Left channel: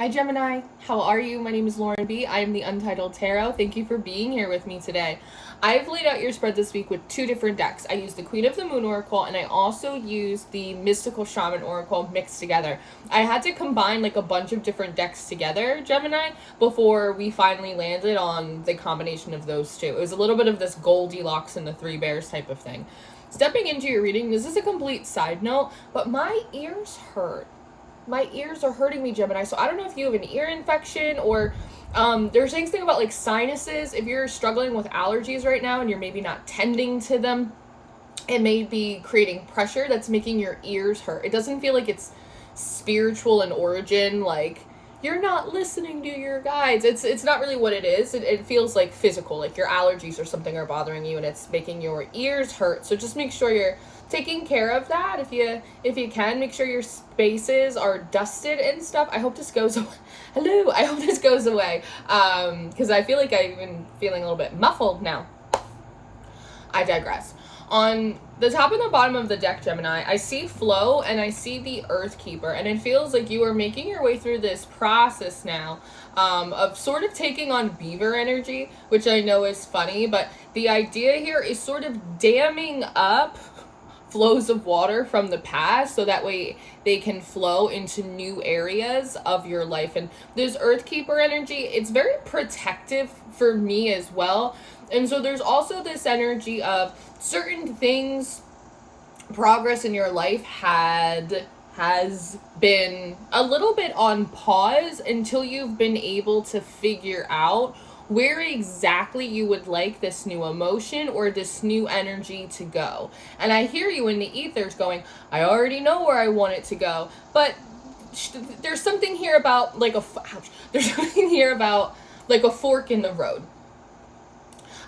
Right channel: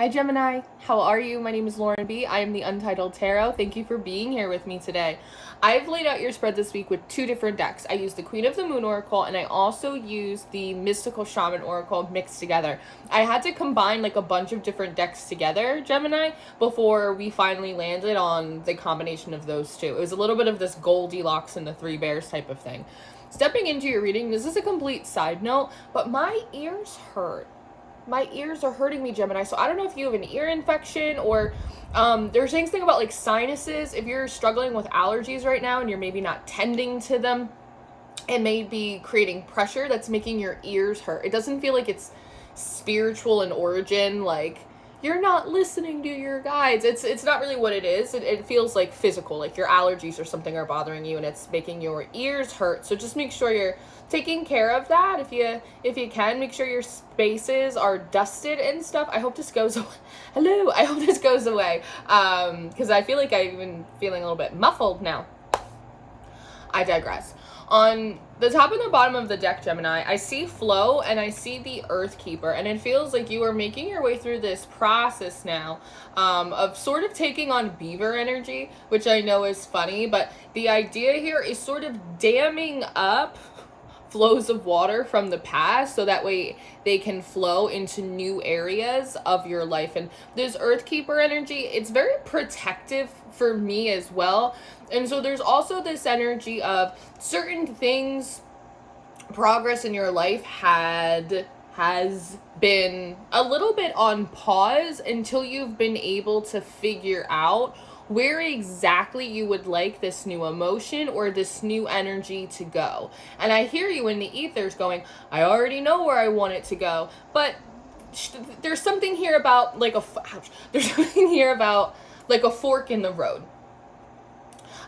Hi Gemini, how are you? My name is Lauren B. I am the Untitled Tarot. Thank you for being here with me today. I've laid out your spread this week with two different decks. I used the Queen of the Moon Oracle and I also used the Mystical Shaman Oracle mixed together. I had to combine like a bunch of different decks together, Gemini, before we finally landed on the combination of those two. It was a little bit of this Goldilocks and the Three Bears type of thing. Stepping into your reading, this is a complete side note, but my ears hurt. My ears are hurting me, Gemini, so I don't know if you have an ear infection or there's things about like sinuses. If you're struggling with allergies right now and you're maybe not tending to them, it may be creating pressure that's making your ears hurt. It doesn't feel like it's spiritual in origin, like you're not listening to your guides. It's not really what it is. It feels like physical, like your allergies or something are bothering you and it's making your ears hurt. So just make sure you're taking care of that if you can. Make sure your spaces are dusted and stuff. I hope this goes away. Hello, I hope this goes away because I feel like I'm even feeling a little bit muffled now. I digress. On the top and the bottom of the deck, Gemini, I see flow and I see the Earth Keeper, and it feels like you are making your way through this process now of sort of taking on beaver energy, which I know is funny, but the idea here is sort of damming up flows of water from the past so that way they can flow into new areas of your life. And this Earth Keeper energy, it's very protective for me as well. And so there's also this energy of certain things, progress in your life has been a little bit on pause until you've been able to figure out where exactly you would like this new emotion or this new energy to go. And I hear you in the ethers going, I already know where I want it to go. But there's something here about like a fork in the road.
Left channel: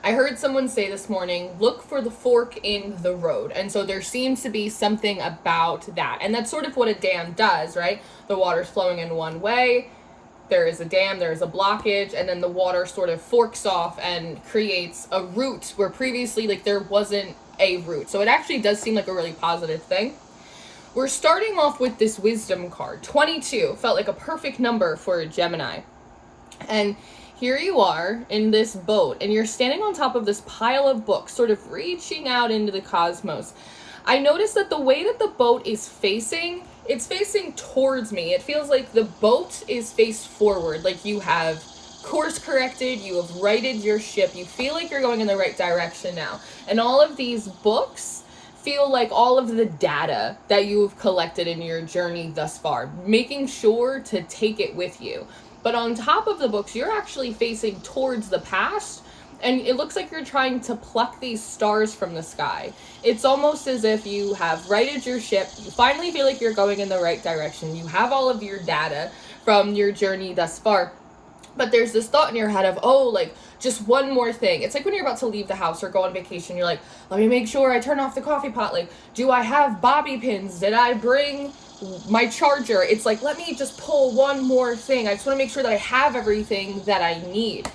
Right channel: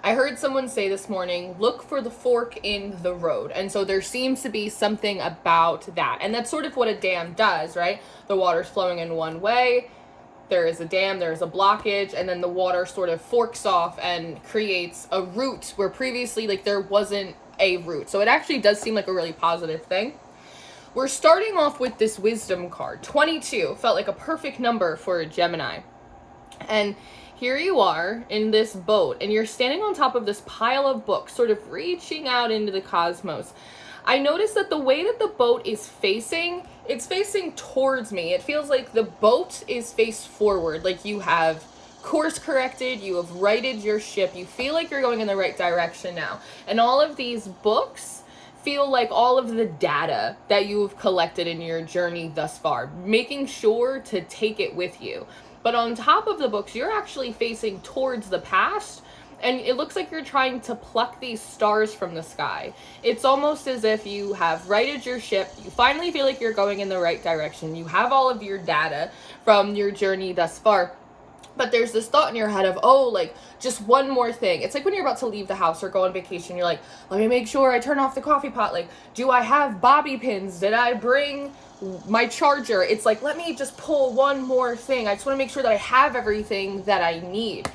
I heard someone say this morning, look for the fork in the road. And so there seems to be something about that. And that's sort of what a dam does, right? The water's flowing in one way. There is a dam, there's a blockage, and then the water sort of forks off and creates a route where previously like there wasn't a route. So it actually does seem like a really positive thing. We're starting off with this wisdom card. 22 felt like a perfect number for a Gemini. And here you are in this boat, and you're standing on top of this pile of books, sort of reaching out into the cosmos. I noticed that the way that the boat is facing, it's facing towards me. It feels like the boat is faced forward, like you have course corrected, you have righted your ship, you feel like you're going in the right direction now. And all of these books feel like all of the data that you've collected in your journey thus far, making sure to take it with you. But on top of the books, you're actually facing towards the past, and it looks like you're trying to pluck these stars from the sky. It's almost as if you have righted your ship, you finally feel like you're going in the right direction, you have all of your data from your journey thus far, but there's this thought in your head of, oh, like, just one more thing. It's like when you're about to leave the house or go on vacation, you're like, let me make sure I turn off the coffee pot, like, do I have bobby pins? Did I bring my charger? It's like, let me just pull one more thing. I just want to make sure that I have everything that I need.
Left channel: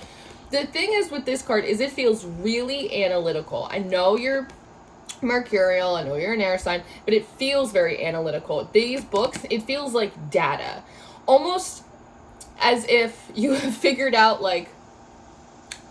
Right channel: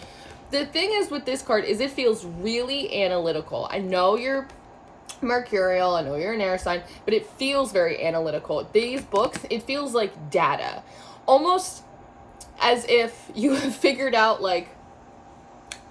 The thing is with this card is it feels really analytical. I know you're Mercurial, I know you're an air sign, but it feels very analytical. These books, it feels like data. Almost as if you have figured out like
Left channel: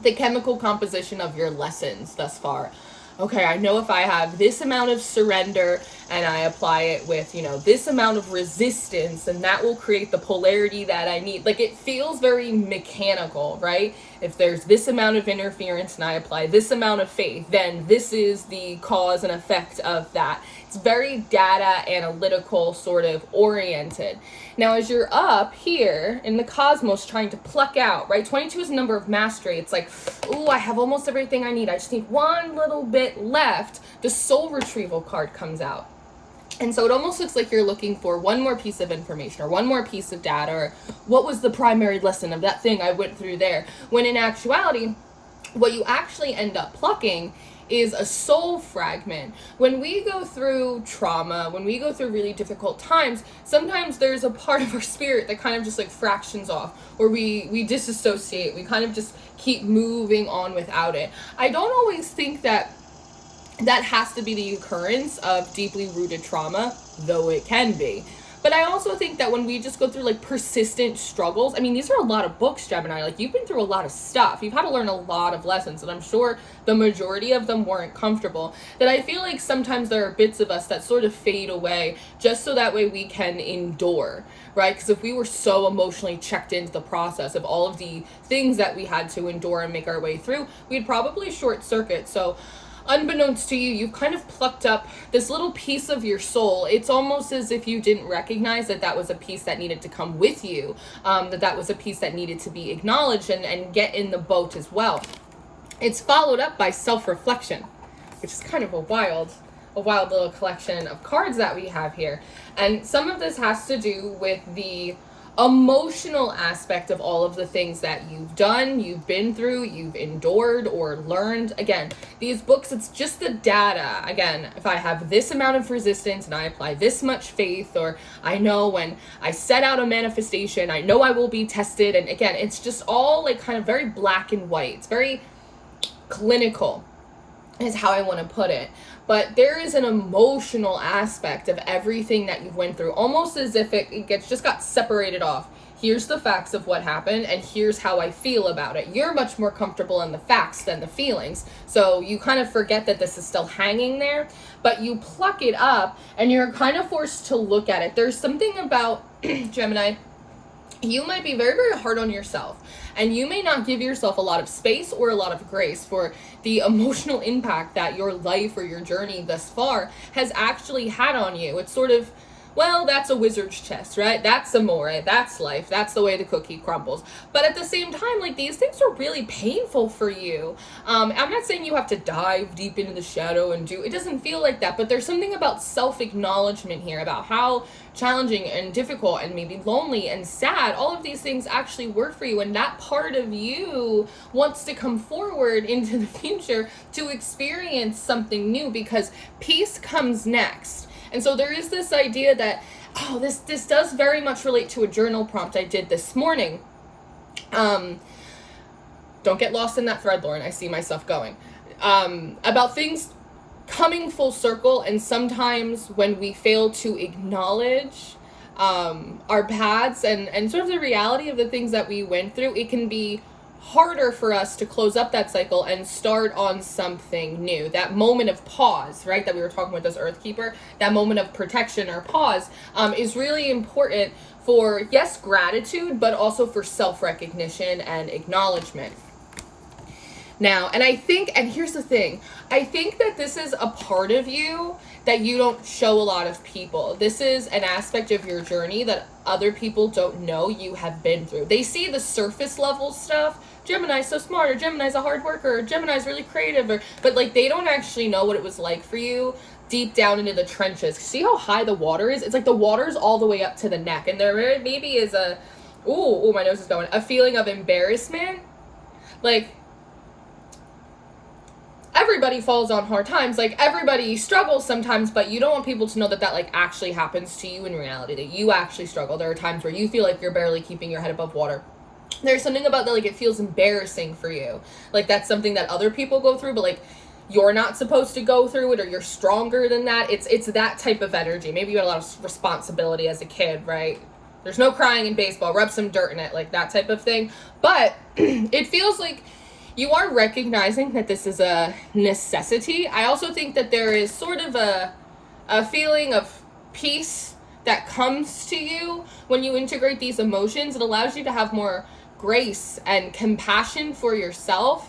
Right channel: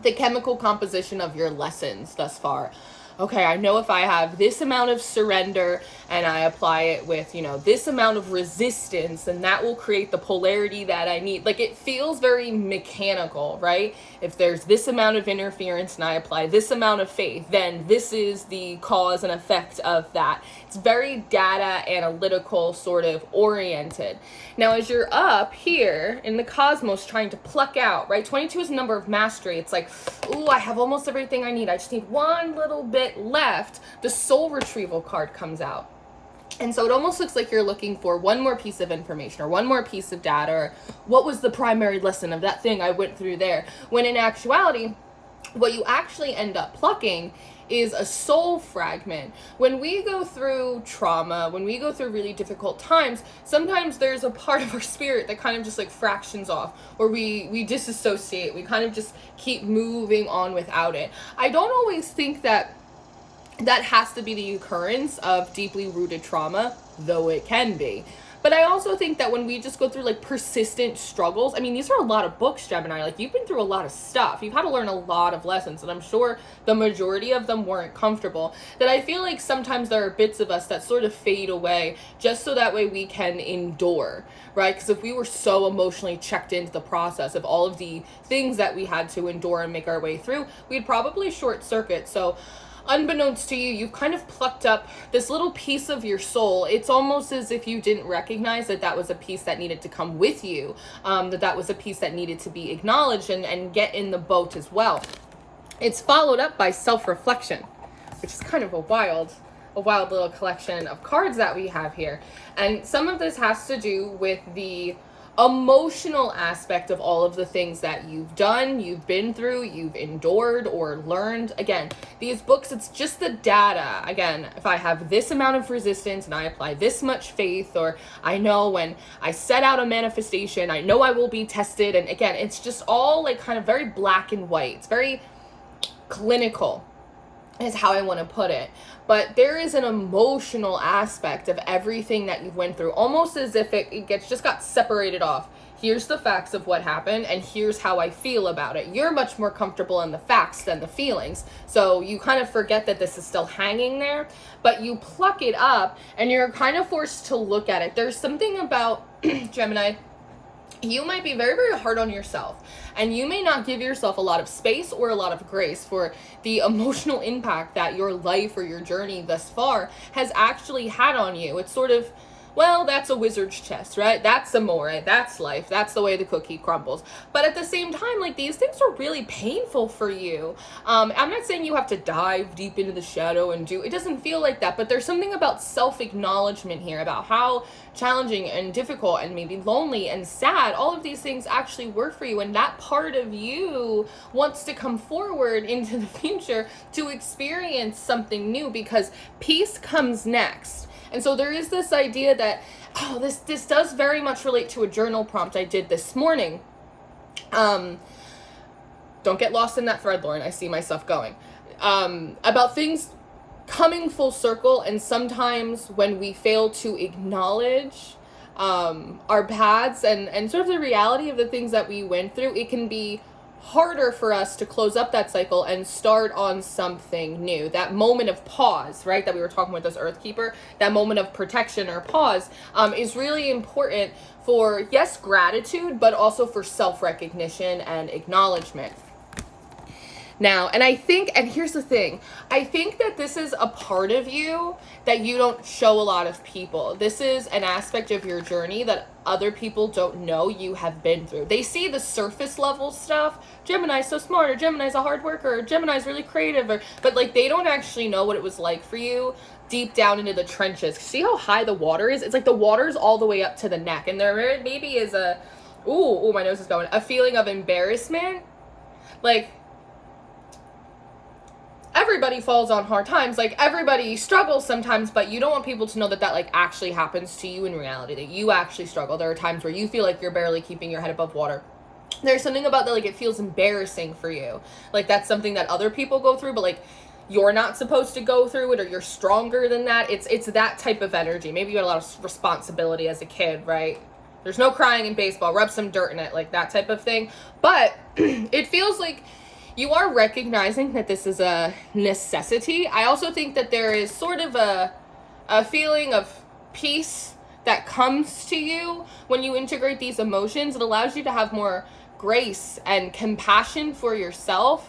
the chemical composition of your lessons thus far. Okay, I know if I have this amount of surrender and I apply it with, this amount of resistance, and that will create the polarity that I need. Like, it feels very mechanical, right? If there's this amount of interference and I apply this amount of faith, then this is the cause and effect of that. It's very data analytical sort of oriented. Now, as you're up here in the cosmos trying to pluck out, right? 22 is a number of mastery. It's like, ooh, I have almost everything I need. I just need one little bit left. The soul retrieval card comes out. And so it almost looks like you're looking for one more piece of information or one more piece of data, or what was the primary lesson of that thing I went through there? When in actuality, what you actually end up plucking is a soul fragment. When we go through trauma, when we go through really difficult times, sometimes there's a part of our spirit that kind of just like fractions off, or we disassociate, we kind of just keep moving on without it. I don't always think that has to be the occurrence of deeply rooted trauma, though it can be. But I also think that when we just go through like persistent struggles, I mean, these are a lot of books, Gemini. Like, you've been through a lot of stuff. You've had to learn a lot of lessons, and I'm sure the majority of them weren't comfortable. That I feel like sometimes there are bits of us that sort of fade away just so that way we can endure, right? Because if we were so emotionally checked into the process of all of the things that we had to endure and make our way through, we'd probably short circuit. So unbeknownst to you, you've kind of plucked up this little piece of your soul. It's almost as if you didn't recognize that that was a piece that needed to come with you, that was a piece that needed to be acknowledged and get in the boat as well. It's followed up by self-reflection, which is kind of a wild little collection of cards that we have here. And some of this has to do with the emotional aspect of all of the things that you've done, you've been through, you've endured or learned. Again, these books, it's just the data. Again, if I have this amount of resistance and I apply this much faith, or I know when I set out a manifestation, I know I will be tested. And again, it's just all like kind of very black and white. It's very clinical is how I want to put it. But there is an emotional aspect of everything that you went through, almost as if it just got separated off. Here's the facts of what happened, and here's how I feel about it. You're much more comfortable in the facts than the feelings. So you kind of forget that this is still hanging there, but you pluck it up, and you're kind of forced to look at it. There's something about, Gemini, you might be very, very hard on yourself. And you may not give yourself a lot of space or a lot of grace for the emotional impact that your life or your journey thus far has actually had on you. It's sort of, well, that's a wizard's chest, right? That's amore, that's life, that's the way the cookie crumbles. But at the same time, like, these things are really painful for you. I'm not saying you have to dive deep into the shadow and it doesn't feel like that, but there's something about self-acknowledgement here, about how challenging and difficult and maybe lonely and sad all of these things actually work for you, and that part of you wants to come forward into the future to experience something new, because peace comes next. And so there is this idea that, this does very much relate to a journal prompt I did this morning. Don't get lost in that thread, Lauren. I see myself going. About things coming full circle, and sometimes when we fail to acknowledge our paths and sort of the reality of the things that we went through, it can be harder for us to close up that cycle and start on something new. That moment of pause, right, that we were talking with this Earthkeeper, that moment of protection or pause is really important for, yes, gratitude, but also for self-recognition and acknowledgement. Now, and I think, and here's the thing, I think that this is a part of you that you don't show a lot of people. This is an aspect of your journey that other people don't know you have been through. They see the surface level stuff. Gemini's so smart, or Gemini's a hard worker, or Gemini's really creative, but like, they don't actually know what it was like for you deep down into the trenches. See how high the water is? It's like the water's all the way up to the neck, and there maybe is a, ooh, my nose is going, a feeling of embarrassment. Like, everybody falls on hard times, like everybody struggles sometimes, but you don't want people to know that like actually happens to you in reality, that you actually struggle. There are times where you feel like you're barely keeping your head above water. There's something about that, like, it feels embarrassing for you. Like, that's something that other people go through, but like, you're not supposed to go through it, or you're stronger than that. It's that type of energy. Maybe you had a lot of responsibility as a kid, right? There's no crying in baseball, rub some dirt in it, like that type of thing. But it feels like you are recognizing that this is a necessity. I also think that there is sort of a feeling of peace that comes to you when you integrate these emotions. It allows you to have more grace and compassion for yourself.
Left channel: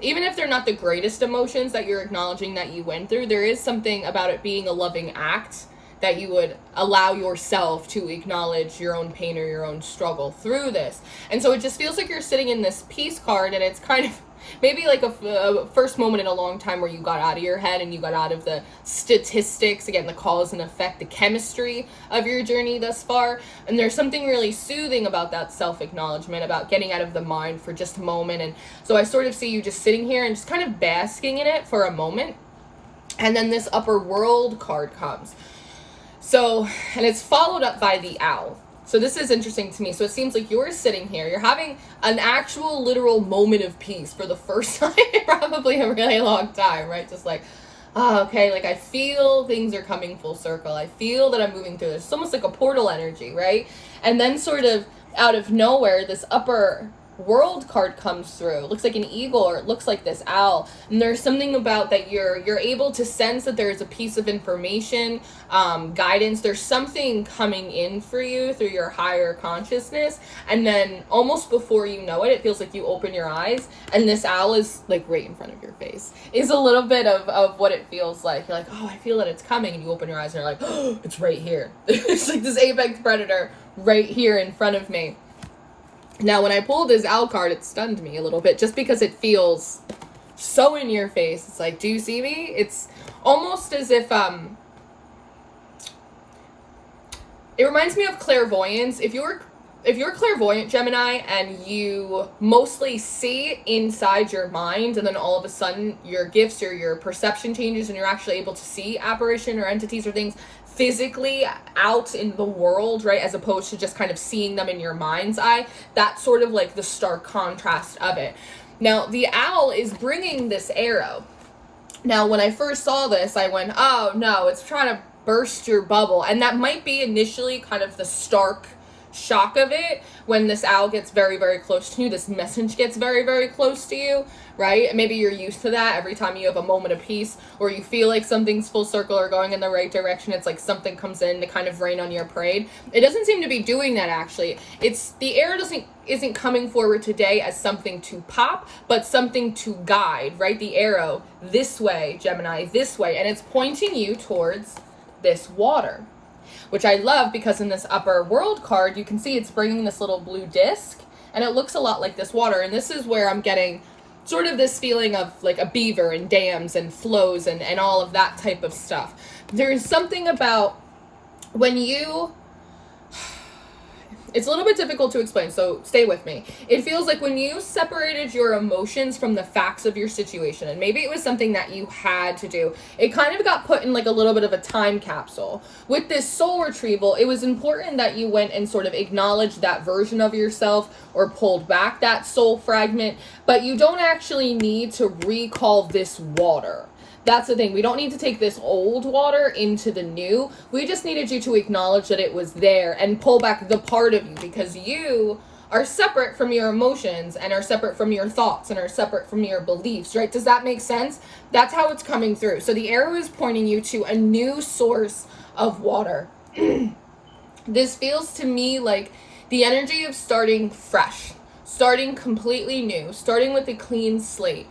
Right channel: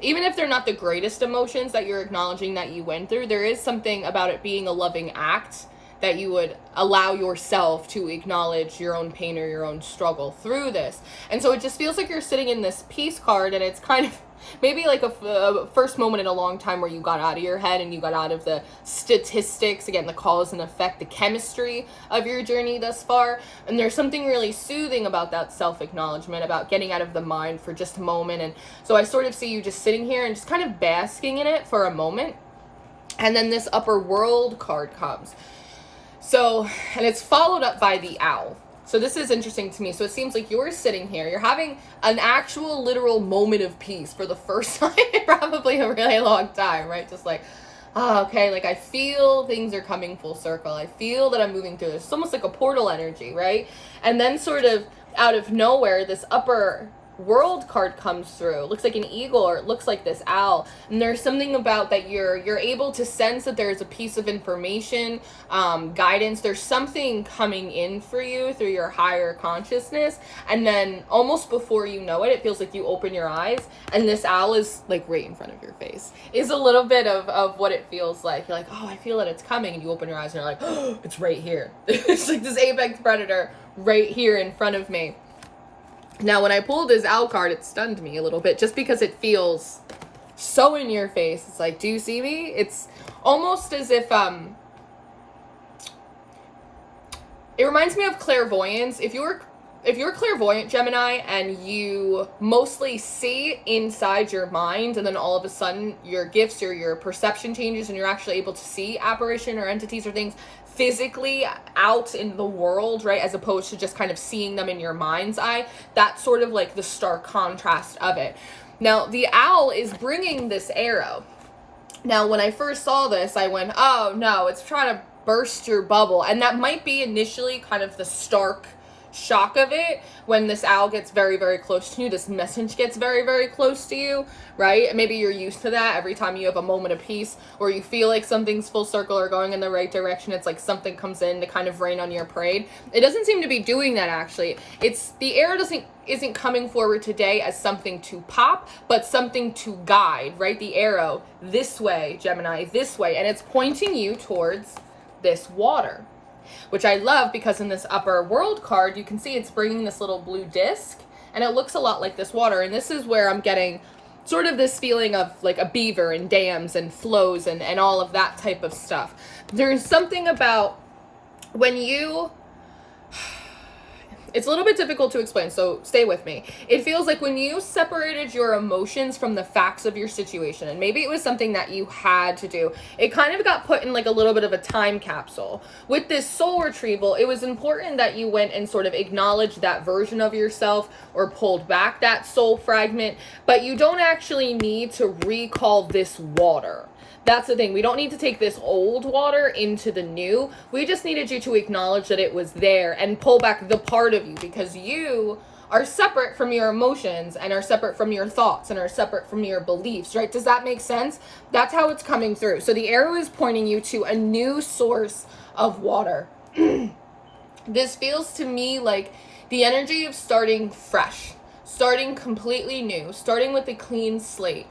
Even if they're not the greatest emotions that you're acknowledging that you went through, there is something about it being a loving act that you would allow yourself to acknowledge your own pain or your own struggle through this. And so it just feels like you're sitting in this peace card, and it's kind of maybe like a first moment in a long time where you got out of your head and you got out of the statistics, again, the cause and effect, the chemistry of your journey thus far. And there's something really soothing about that self-acknowledgement, about getting out of the mind for just a moment. And so I sort of see you just sitting here and just kind of basking in it for a moment. And then this upper world card comes. So, and it's followed up by the owl. So this is interesting to me. So it seems like you're sitting here, you're having an actual literal moment of peace for the first time in probably a really long time, right? Just like, okay, like I feel things are coming full circle. I feel that I'm moving through this. It's almost like a portal energy, right? And then sort of out of nowhere, this upper world card comes through. It looks like an eagle, or it looks like this owl. And there's something about that you're able to sense that there's a piece of information, guidance. There's something coming in for you through your higher consciousness. And then almost before you know it, it feels like you open your eyes and this owl is like right in front of your face. Is a little bit of what it feels like. You're like, oh, I feel that it's coming. And you open your eyes and you're like, oh, it's right here. It's like this apex predator right here in front of me. Now, when I pulled this owl card, it stunned me a little bit just because it feels so in your face. It's like, do you see me? It's almost as if, it reminds me of clairvoyance. If you're clairvoyant, Gemini, and you mostly see inside your mind, and then all of a sudden your gifts or your perception changes and you're actually able to see apparition or entities or things physically out in the world, right, as opposed to just kind of seeing them in your mind's eye, that's sort of like the stark contrast of it. Now, the owl is bringing this arrow. Now, when I first saw this, I went, oh no, it's trying to burst your bubble. And that might be initially kind of the stark shock of it when this owl gets very, very close to you, this message gets very, very close to you, right? Maybe you're used to that every time you have a moment of peace or you feel like something's full circle or going in the right direction. It's like something comes in to kind of rain on your parade. It doesn't seem to be doing that, actually. It's the arrow isn't coming forward today as something to pop, but something to guide, right? The arrow this way, Gemini, this way, and it's pointing you towards this water, which I love because in this upper world card, you can see it's bringing this little blue disc, and it looks a lot like this water. And this is where I'm getting sort of this feeling of like a beaver and dams and flows and all of that type of stuff. There's something about when you... It's a little bit difficult to explain, so stay with me. It feels like when you separated your emotions from the facts of your situation, and maybe it was something that you had to do, it kind of got put in like a little bit of a time capsule. With this soul retrieval, it was important that you went and sort of acknowledged that version of yourself or pulled back that soul fragment, but you don't actually need to recall this water. That's the thing. We don't need to take this old water into the new. We just needed you to acknowledge that it was there and pull back the part of you, because you are separate from your emotions and are separate from your thoughts and are separate from your beliefs, right? Does that make sense? That's how it's coming through. So the arrow is pointing you to a new source of water. This feels to me like the energy of starting fresh, starting completely new, starting with a clean slate,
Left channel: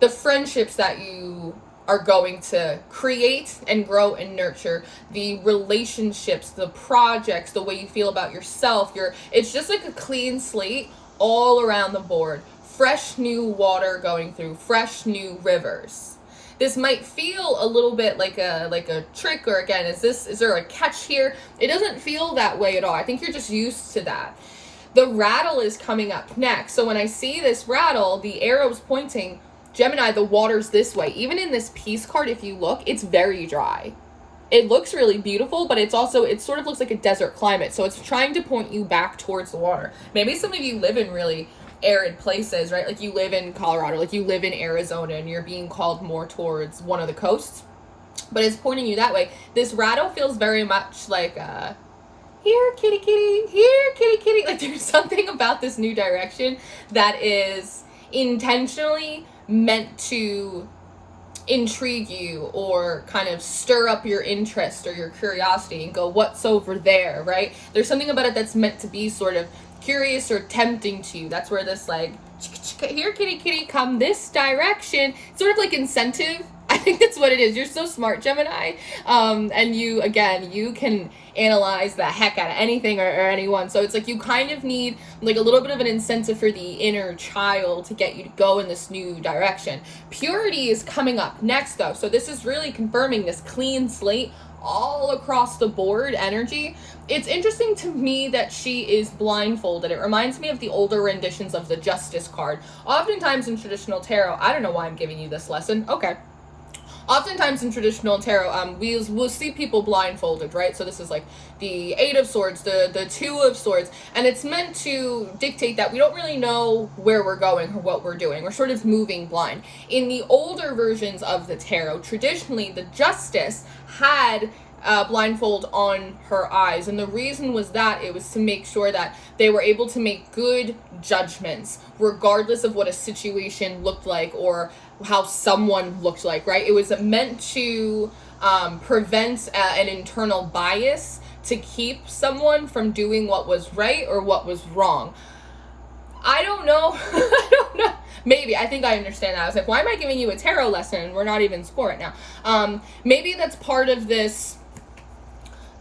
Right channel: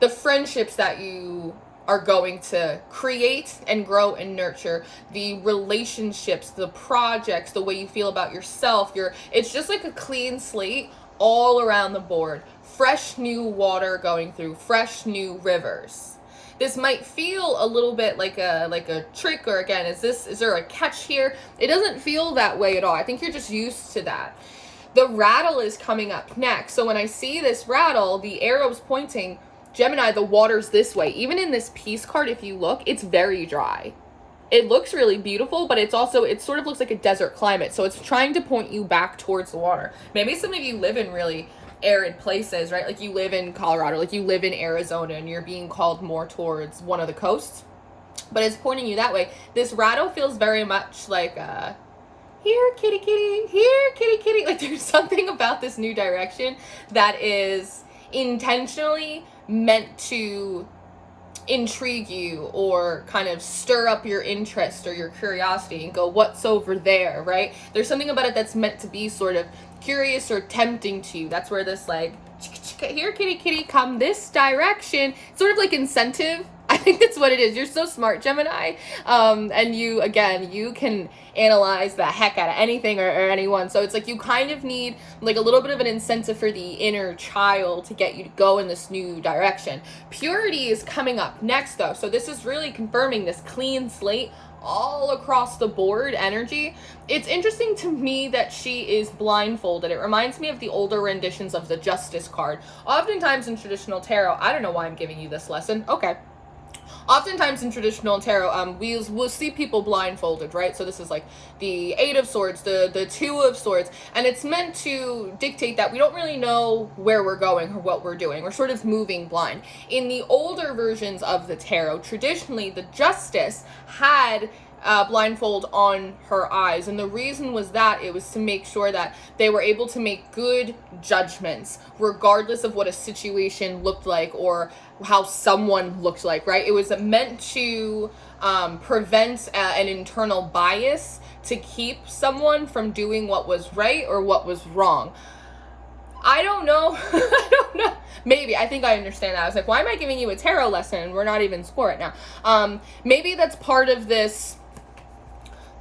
the friendships that you are going to create and grow and nurture, the relationships, the projects, the way you feel about yourself. It's just like a clean slate all around the board. Fresh new water going through, fresh new rivers. This might feel a little bit like a trick, or again, is there a catch here? It doesn't feel that way at all. I think you're just used to that. The rattle is coming up next. So when I see this rattle, the arrow's pointing, Gemini, the water's this way. Even in this peace card, if you look, it's very dry. It looks really beautiful, but it sort of looks like a desert climate. So it's trying to point you back towards the water. Maybe some of you live in really arid places, right? Like you live in Colorado, like you live in Arizona, and you're being called more towards one of the coasts. But it's pointing you that way. This rattle feels very much like, here, kitty, kitty, here, kitty, kitty. Like there's something about this new direction that is intentionally meant to intrigue you or kind of stir up your interest or your curiosity and go, what's over there, right? There's something about it that's meant to be sort of curious or tempting to you. That's where this like, here, kitty, kitty, come this direction. Sort of like incentive. I think that's what it is. You're so smart, Gemini. And you can analyze the heck out of anything or anyone. So it's like you kind of need like a little bit of an incentive for the inner child to get you to go in this new direction. Purity is coming up next though. So this is really confirming this clean slate all across the board energy. It's interesting to me that she is blindfolded. It reminds me of the older renditions of the Justice card. Oftentimes in traditional tarot, I don't know why I'm giving you this lesson. Okay. oftentimes in traditional tarot, we'll see people blindfolded, right? So this is like the Eight of Swords, the Two of Swords, and it's meant to dictate that we don't really know where we're going or what we're doing. We're sort of moving blind. In the older versions of the tarot, traditionally the Justice had blindfold on her eyes, and the reason was that it was to make sure that they were able to make good judgments regardless of what a situation looked like or how someone looked like, right? It was meant to prevent an internal bias to keep someone from doing what was right or what was wrong. I don't know. I don't know. Maybe. I think I understand that. I was like, why am I giving you a tarot lesson? We're not even in school right now. Maybe that's part of this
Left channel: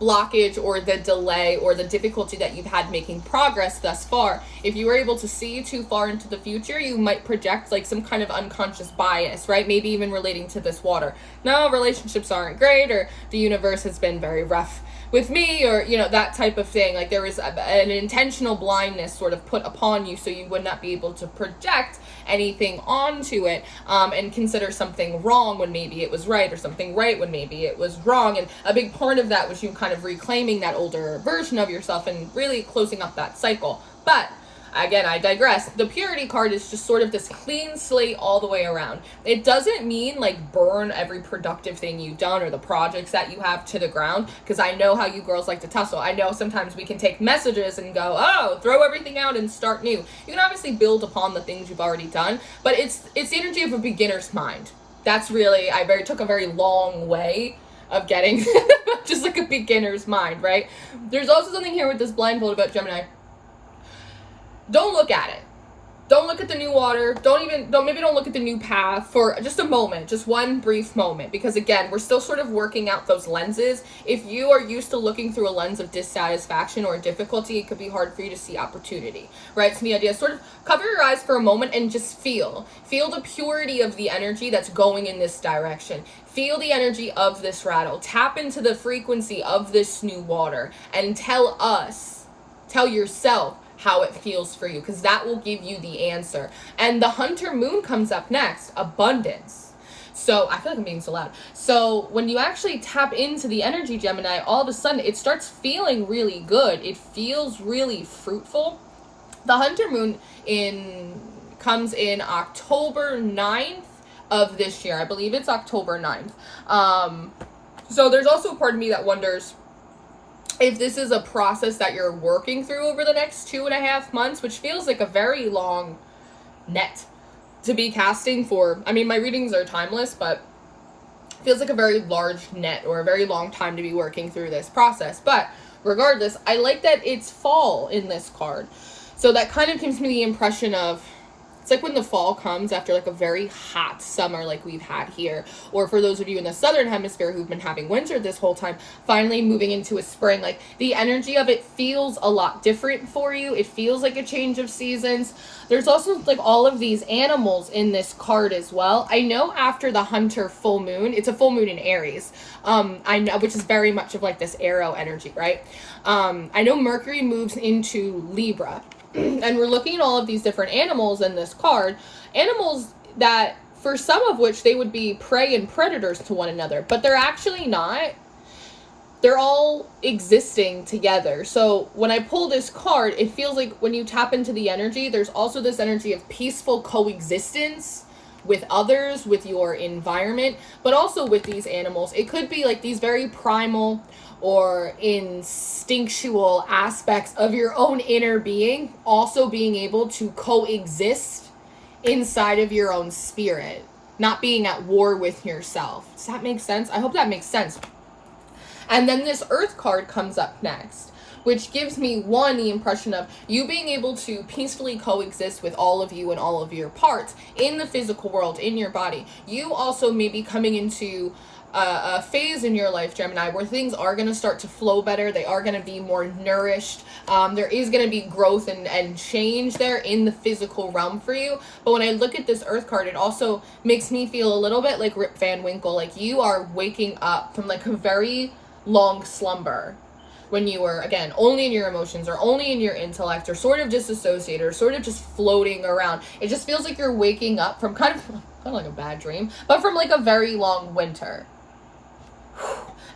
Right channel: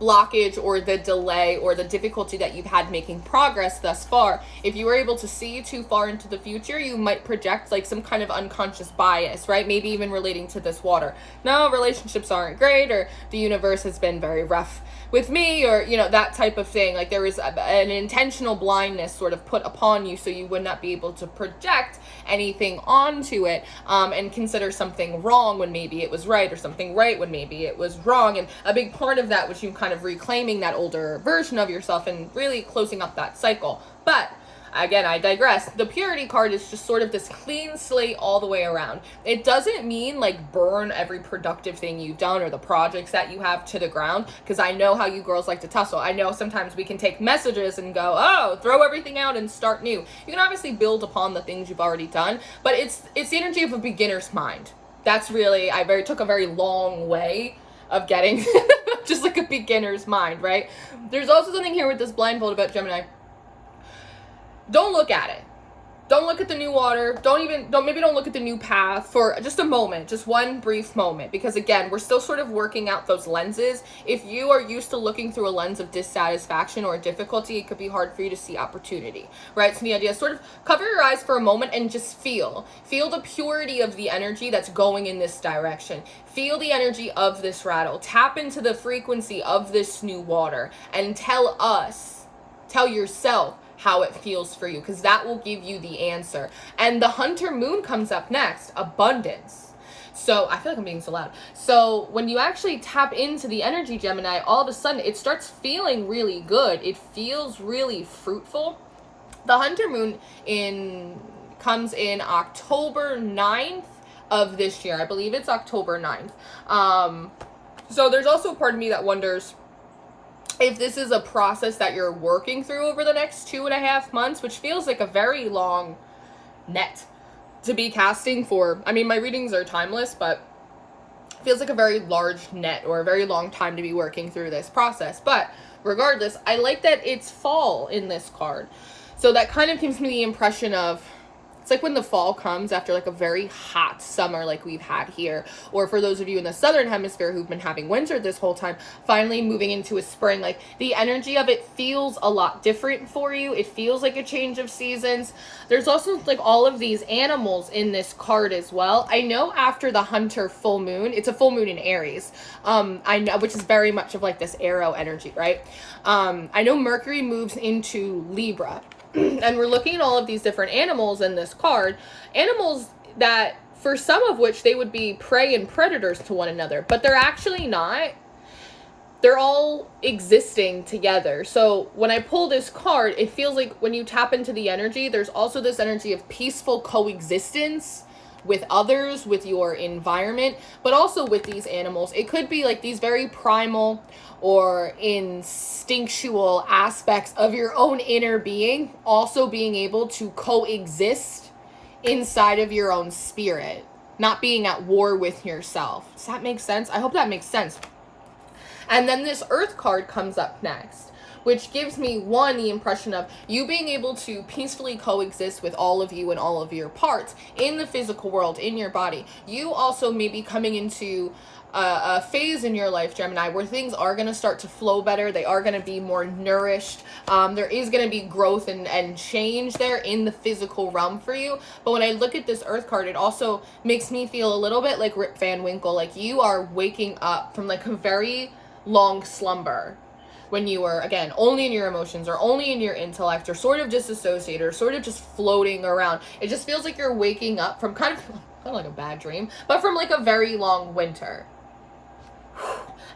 blockage or the delay or the difficulty that you've had making progress thus far. If you were able to see too far into the future, you might project like some kind of unconscious bias, right? Maybe even relating to this water. No, relationships aren't great, or the universe has been very rough with me, or, you know, that type of thing. Like there was an intentional blindness sort of put upon you so you would not be able to project anything onto it and consider something wrong when maybe it was right, or something right when maybe it was wrong. And a big part of that was you kind of reclaiming that older version of yourself and really closing up that cycle. But again, I digress. The Purity card is just sort of this clean slate all the way around. It doesn't mean like burn every productive thing you've done or the projects that you have to the ground, because I know how you girls like to tussle. I know sometimes we can take messages and go, oh, throw everything out and start new. You can obviously build upon the things you've already done, but it's the energy of a beginner's mind. That's really, took a very long way of getting just like a beginner's mind, right? There's also something here with this blindfold about Gemini. Don't look at it. Don't look at the new water. Don't look at the new path for just a moment, just one brief moment. Because again, we're still sort of working out those lenses. If you are used to looking through a lens of dissatisfaction or difficulty, it could be hard for you to see opportunity, right? So the idea is sort of cover your eyes for a moment and just feel the purity of the energy that's going in this direction. Feel the energy of this rattle. Tap into the frequency of this new water and tell yourself how it feels for you, because that will give you the answer. And the Hunter Moon comes up next, abundance. So I feel like I'm being so loud. So when you actually tap into the energy, Gemini, all of a sudden it starts feeling really good. It feels really fruitful. The Hunter Moon comes in October 9th of this year. I believe it's October 9th. So there's also a part of me that wonders if this is a process that you're working through over the next 2.5 months, which feels like a very long net to be casting for. I mean, my readings are timeless, but feels like a very large net or a very long time to be working through this process. But regardless, I like that it's fall in this card. So that kind of gives me the impression of, it's like when the fall comes after like a very hot summer like we've had here. Or for those of you in the southern hemisphere who've been having winter this whole time, finally moving into a spring. Like the energy of it feels a lot different for you. It feels like a change of seasons. There's also like all of these animals in this card as well. I know after the Hunter full moon, it's a full moon in Aries, I know, which is very much of like this arrow energy, right? I know Mercury moves into Libra. And we're looking at all of these different animals in this card. Animals that, for some of which, they would be prey and predators to one another. But they're actually not. They're all existing together. So when I pull this card, it feels like when you tap into the energy, there's also this energy of peaceful coexistence with others, with your environment, but also with these animals. It could be like these very primal or instinctual aspects of your own inner being also being able to coexist inside of your own spirit, not being at war with yourself. Does that make sense? I hope that makes sense. And then this Earth card comes up next, which gives me, one, the impression of you being able to peacefully coexist with all of you and all of your parts in the physical world, in your body. You also may be coming into a phase in your life, Gemini, where things are going to start to flow better. They are going to be more nourished. There is going to be growth and change there in the physical realm for you. But when I look at this Earth card, it also makes me feel a little bit like Rip Van Winkle, like you are waking up from like a very long slumber when you were, again, only in your emotions or only in your intellect or sort of disassociated or sort of just floating around. It just feels like you're waking up from kind of kind of like a bad dream, but from like a very long winter.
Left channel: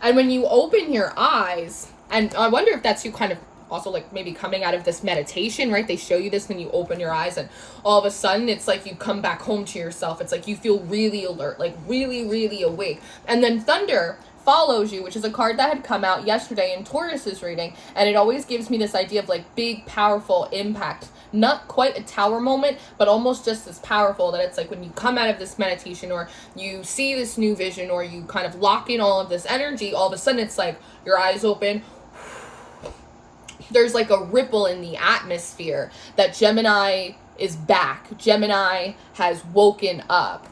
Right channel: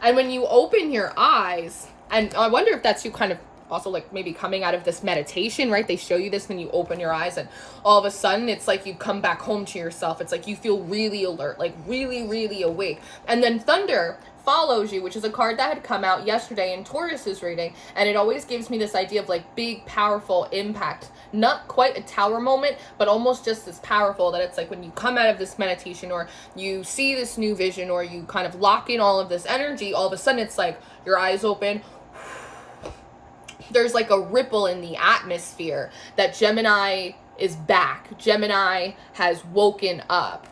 And when you open your eyes, and I wonder if that's you kind of also like maybe coming out of this meditation, right? They show you this when you open your eyes, and all of a sudden it's like you come back home to yourself. It's like you feel really alert, like really, really awake. And then thunder follows you, which is a card that had come out yesterday in Taurus's reading, and it always gives me this idea of like big, powerful impact. Not quite a tower moment, but almost just as powerful, that it's like when you come out of this meditation or you see this new vision or you kind of lock in all of this energy, all of a sudden it's like your eyes open. There's like a ripple in the atmosphere that Gemini is back. Gemini has woken up.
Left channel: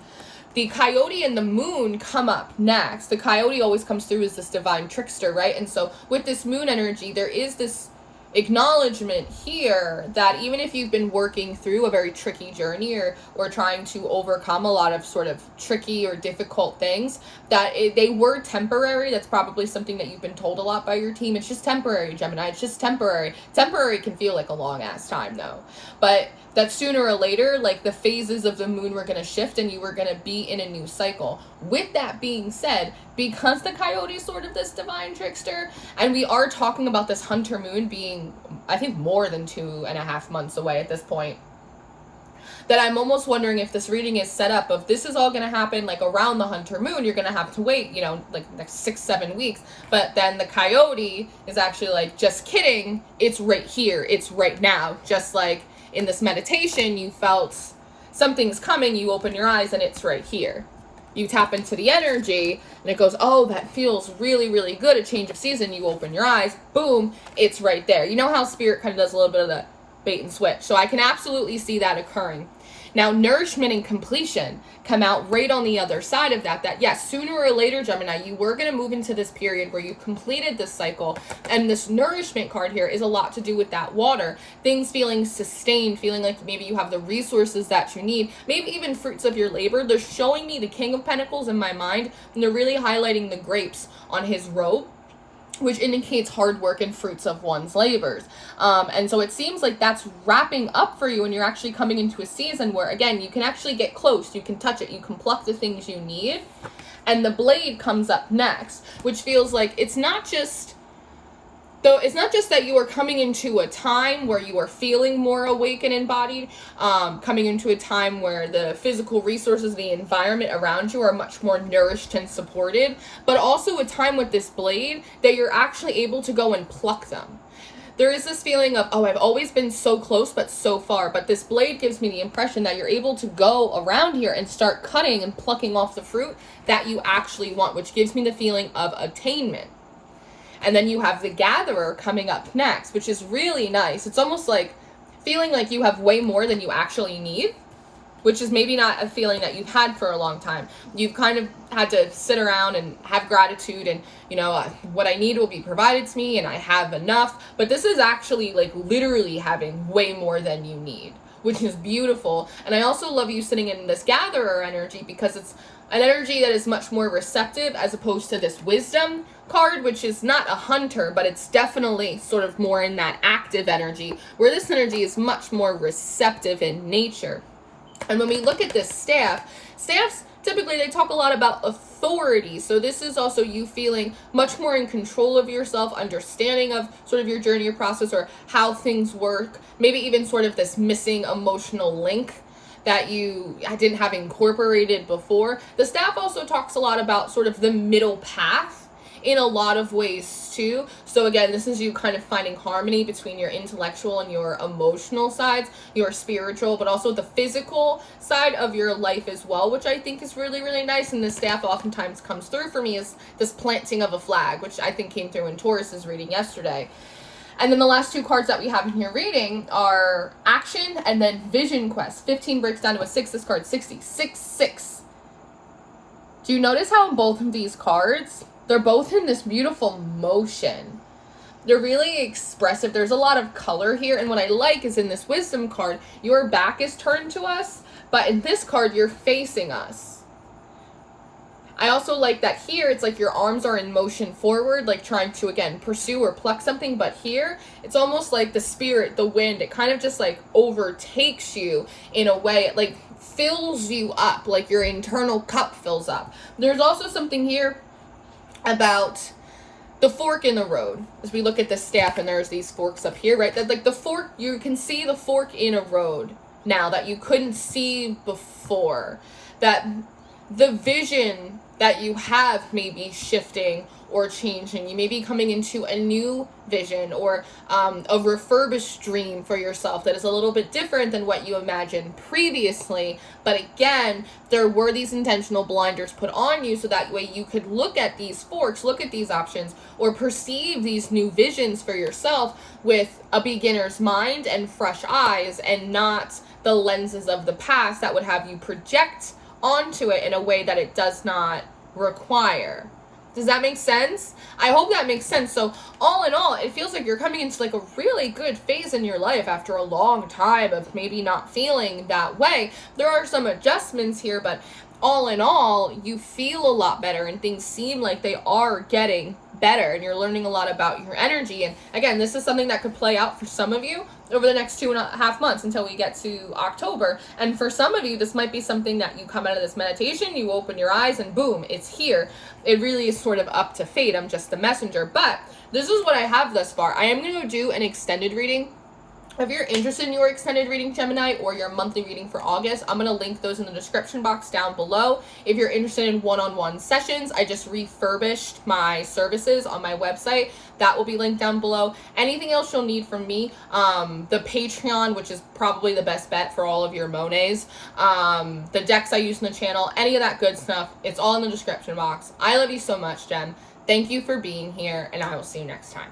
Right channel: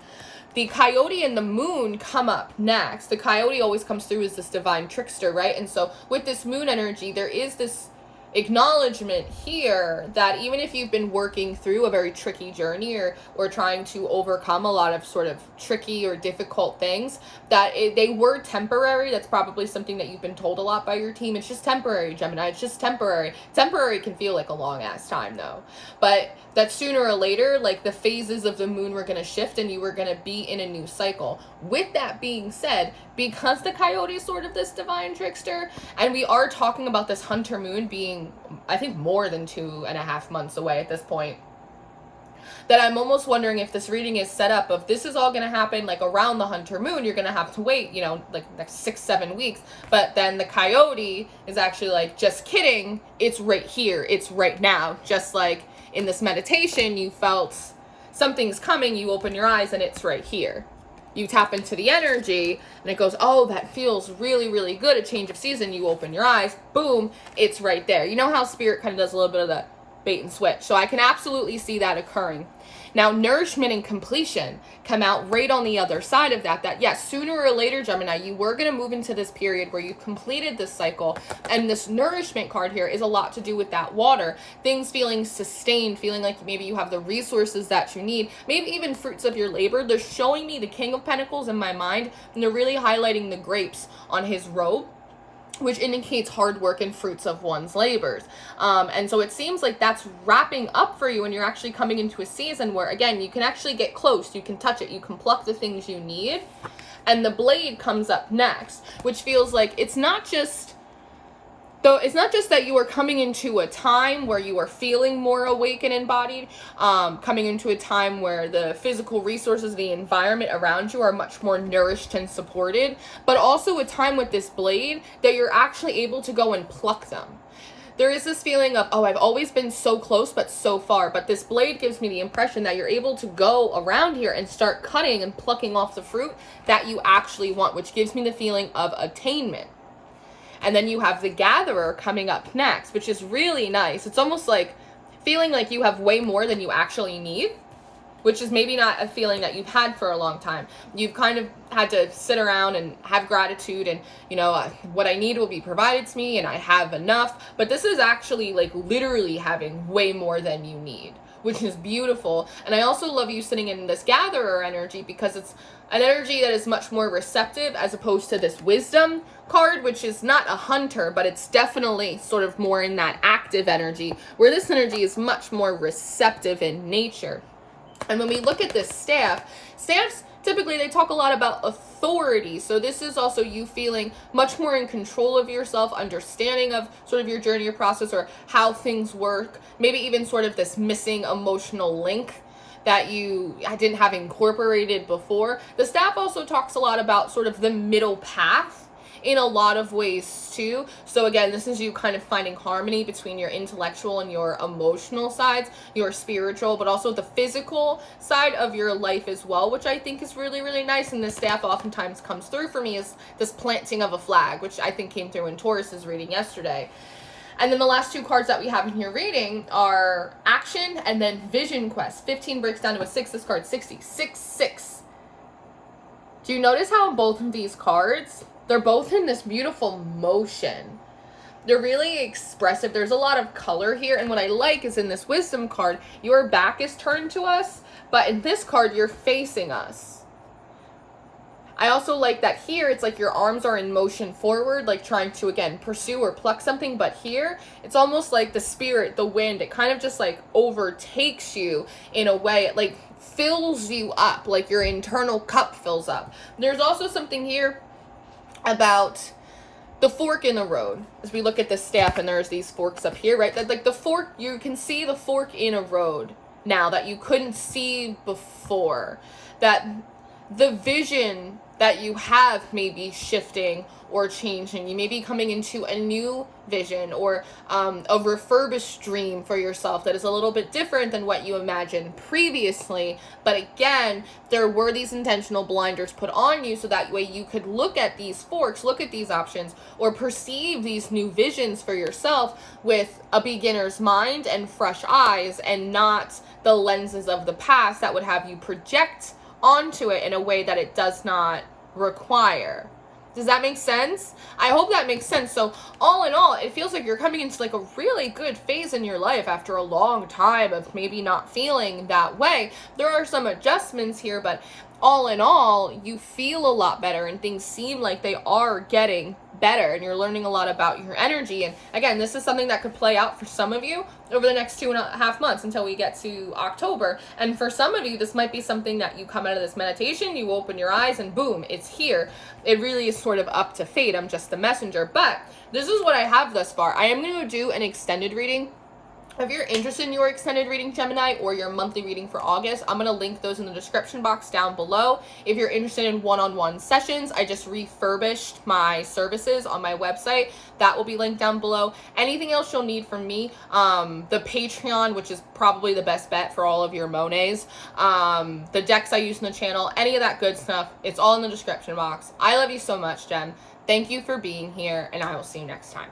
The coyote and the moon come up next. The coyote always comes through as this divine trickster, right? And so with this moon energy, there is this acknowledgement here that even if you've been working through a very tricky journey or trying to overcome a lot of sort of tricky or difficult things, that they were temporary. That's probably something that you've been told a lot by your team. It's just temporary, Gemini. It's just temporary. Temporary can feel like a long ass time though. But that sooner or later, like the phases of the moon were going to shift and you were going to be in a new cycle. With that being said, because the coyote is sort of this divine trickster, and we are talking about this hunter moon being, I think, more than 2.5 months away at this point, that I'm almost wondering if this reading is set up of this is all going to happen like around the hunter moon. You're going to have to wait, you know, like next 6-7 weeks. But then the coyote is actually like, just kidding. It's right here. It's right now. Just like in this meditation, you felt something's coming, you open your eyes and it's right here. You tap into the energy and it goes, oh, that feels really, really good. A change of season. You open your eyes, boom, it's right there. You know how spirit kind of does a little bit of the bait and switch. So I can absolutely see that occurring. Now, nourishment and completion come out right on the other side of that. That yes, sooner or later, Gemini, you were going to move into this period where you completed this cycle. And this nourishment card here is a lot to do with that water. Things feeling sustained, feeling like maybe you have the resources that you need. Maybe even fruits of your labor. They're showing me the King of Pentacles in my mind. And they're really highlighting the grapes on his robe, which indicates hard work and fruits of one's labors. And so it seems like that's wrapping up for you, and you're actually coming into a season where, again, you can actually get close, you can touch it, you can pluck the things you need. And the blade comes up next, which feels like it's not just that you are coming into a time where you are feeling more awake and embodied, coming into a time where the physical resources, the environment around you are much more nourished and supported, but also a time with this blade that you're actually able to go and pluck them. There is this feeling of, oh, I've always been so close but so far, but this blade gives me the impression that you're able to go around here and start cutting and plucking off the fruit that you actually want, which gives me the feeling of attainment. And then you have the Gatherer coming up next, which is really nice. It's almost like feeling like you have way more than you actually need, which is maybe not a feeling that you've had for a long time. You've kind of had to sit around and have gratitude and, you know, what I need will be provided to me and I have enough. But this is actually like literally having way more than you need, which is beautiful. And I also love you sitting in this Gatherer energy because it's an energy that is much more receptive as opposed to this Wisdom card, which is not a hunter, but it's definitely sort of more in that active energy, where this energy is much more receptive in nature. And when we look at this staffs, typically they talk a lot about authority. So this is also you feeling much more in control of yourself, understanding of sort of your journey or process or how things work, maybe even sort of this missing emotional link that you didn't have incorporated before. The staff also talks a lot about sort of the middle path in a lot of ways too. So again, this is you kind of finding harmony between your intellectual and your emotional sides, your spiritual, but also the physical side of your life as well, which I think is really, really nice. And the staff oftentimes comes through for me as this planting of a flag, which I think came through in Taurus's reading yesterday. And then the last two cards that we have in your reading are Action and then Vision Quest. 15 breaks down to a 6. This card, 60. 6. Do you notice how in both of these cards, they're both in this beautiful motion? They're really expressive. There's a lot of color here. And what I like is in this Wisdom card, your back is turned to us. But in this card, you're facing us. I also like that here, it's like your arms are in motion forward, like trying to, again, pursue or pluck something. But here, it's almost like the spirit, the wind, it kind of just like overtakes you in a way. It like fills you up, like your internal cup fills up. There's also something here about the fork in the road. As we look at the staff and there's these forks up here, right? That like the fork, you can see the fork in a road now that you couldn't see before. That the vision that you have may be shifting or changing. You may be coming into a new vision or a refurbished dream for yourself that is a little bit different than what you imagined previously. But again, there were these intentional blinders put on you so that way you could look at these forks, look at these options, or perceive these new visions for yourself with a beginner's mind and fresh eyes, and not the lenses of the past that would have you project onto it in a way that it does not require. Does that make sense? I hope that makes sense. So all in all, it feels like you're coming into like a really good phase in your life after a long time of maybe not feeling that way. There are some adjustments here, but all in all, you feel a lot better and things seem like they are getting better, and you're learning a lot about your energy. And again, this is something that could play out for some of you over the next 2.5 months until we get to October. And for some of you, this might be something that you come out of this meditation, you open your eyes, and boom, it's here. It really is sort of up to fate. I'm just the messenger. But this is what I have thus far. I am going to do an extended reading. If you're interested in your extended reading, Gemini, or your monthly reading for August, I'm going to link those in the description box down below. If you're interested in one-on-one sessions, I just refurbished my services on my website. That will be linked down below. Anything else you'll need from me, the Patreon, which is probably the best bet for all of your Monets, the decks I use in the channel, any of that good stuff, it's all in the description box. I love you so much, Jen. Thank you for being here, and I will see you next time.